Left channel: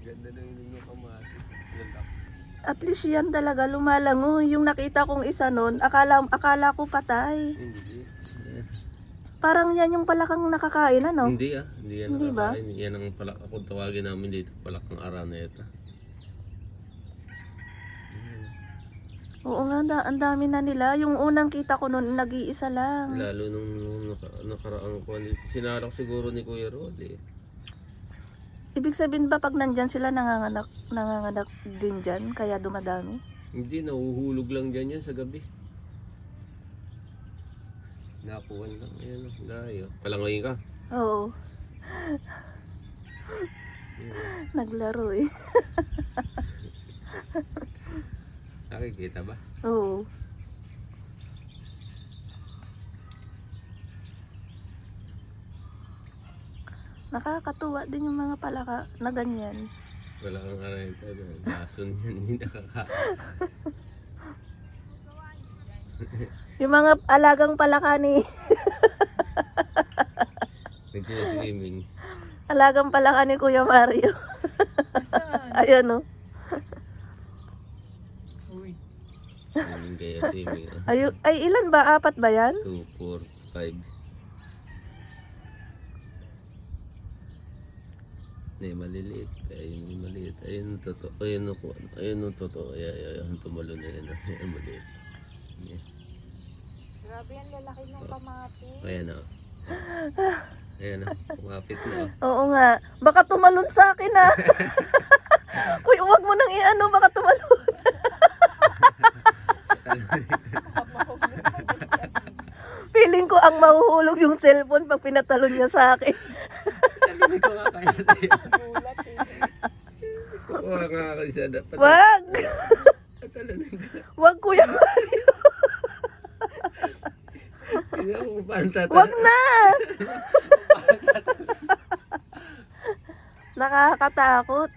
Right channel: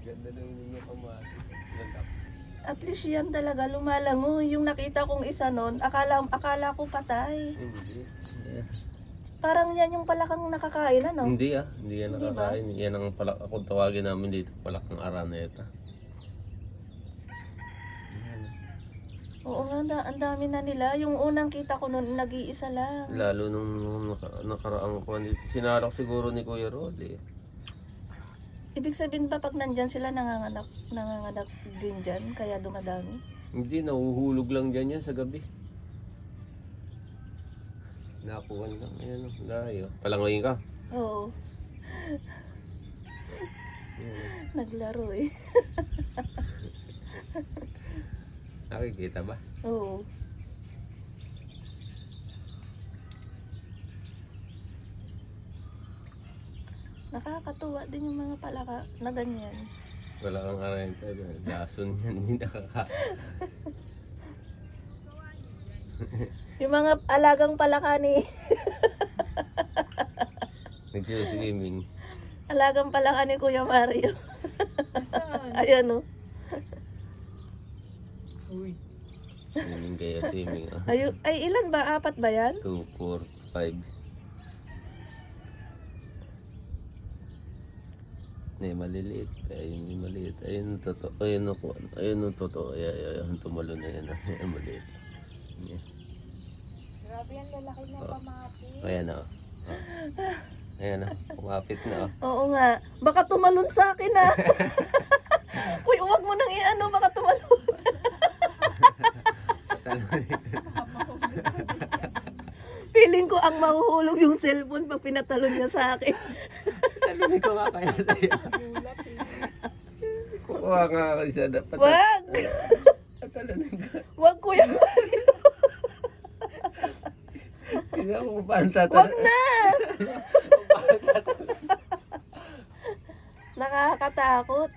Ganda na yung kamatis. At least yan talaga lumalangoy. Yung nakita kong isa nun, akala ko patay. Hindi. Parang yan yung palakang nakakain, ano? Hindi hindi yan Hindi ba? nakakain. Yan ang palak, kung tawagin namin dito, palakang araneta. Oo nga, ang dami na nila. Yung unang kita ko nun, nag-iisa lang. Lalo nung nakaraang ko dito. Sinalak siguro ni Kuya Rod eh. Ibig sabihin ba pag nandyan sila nanganganak din dyan, kaya dumadami? Hindi, nahuhulog lang dyan yan sa gabi. Nakuhan lang. Ayan o, dayo. Palangoyin ka. Oo. Naglaro eh. Nakikita ba? Oo. Nakakatuwa din yung mga palaka na ganyan. Wala kang arenta doon. Lason yan, hindi nakaka... Yung mga alagang palaka ni... Nagsiswimming. Alagang palaka ni Kuya Mario. Ayan o. Uy. Swimming kaya swimming. Ay, ilan ba? 4 ba yan? 2, 4, 5. Hindi, maliliit. Ayun yung maliit. Ayun yung totoo. Ayun yung totoo. Ayun, tumulo na yan. Ayun, maliit. Yeah. Grabe yan, lalaki ng kamapit. Ayan o. Ayan o. Kumapit na o. Oo nga. Baka tumalon sa akin ah. Uy, huwag mo nang i-ano, baka tumalon. Feeling ko ang mahuhulog yung cellphone pag pinatalon niya sa akin. Sabi ko nga kaya sa'yo. Gulat eh. Kukuha nga ako isa dapat. Wag! Patalonin ka. Wag, Kuya Mario. Tingnan ko kung paano tatalon. Wag na! Nakakatakot.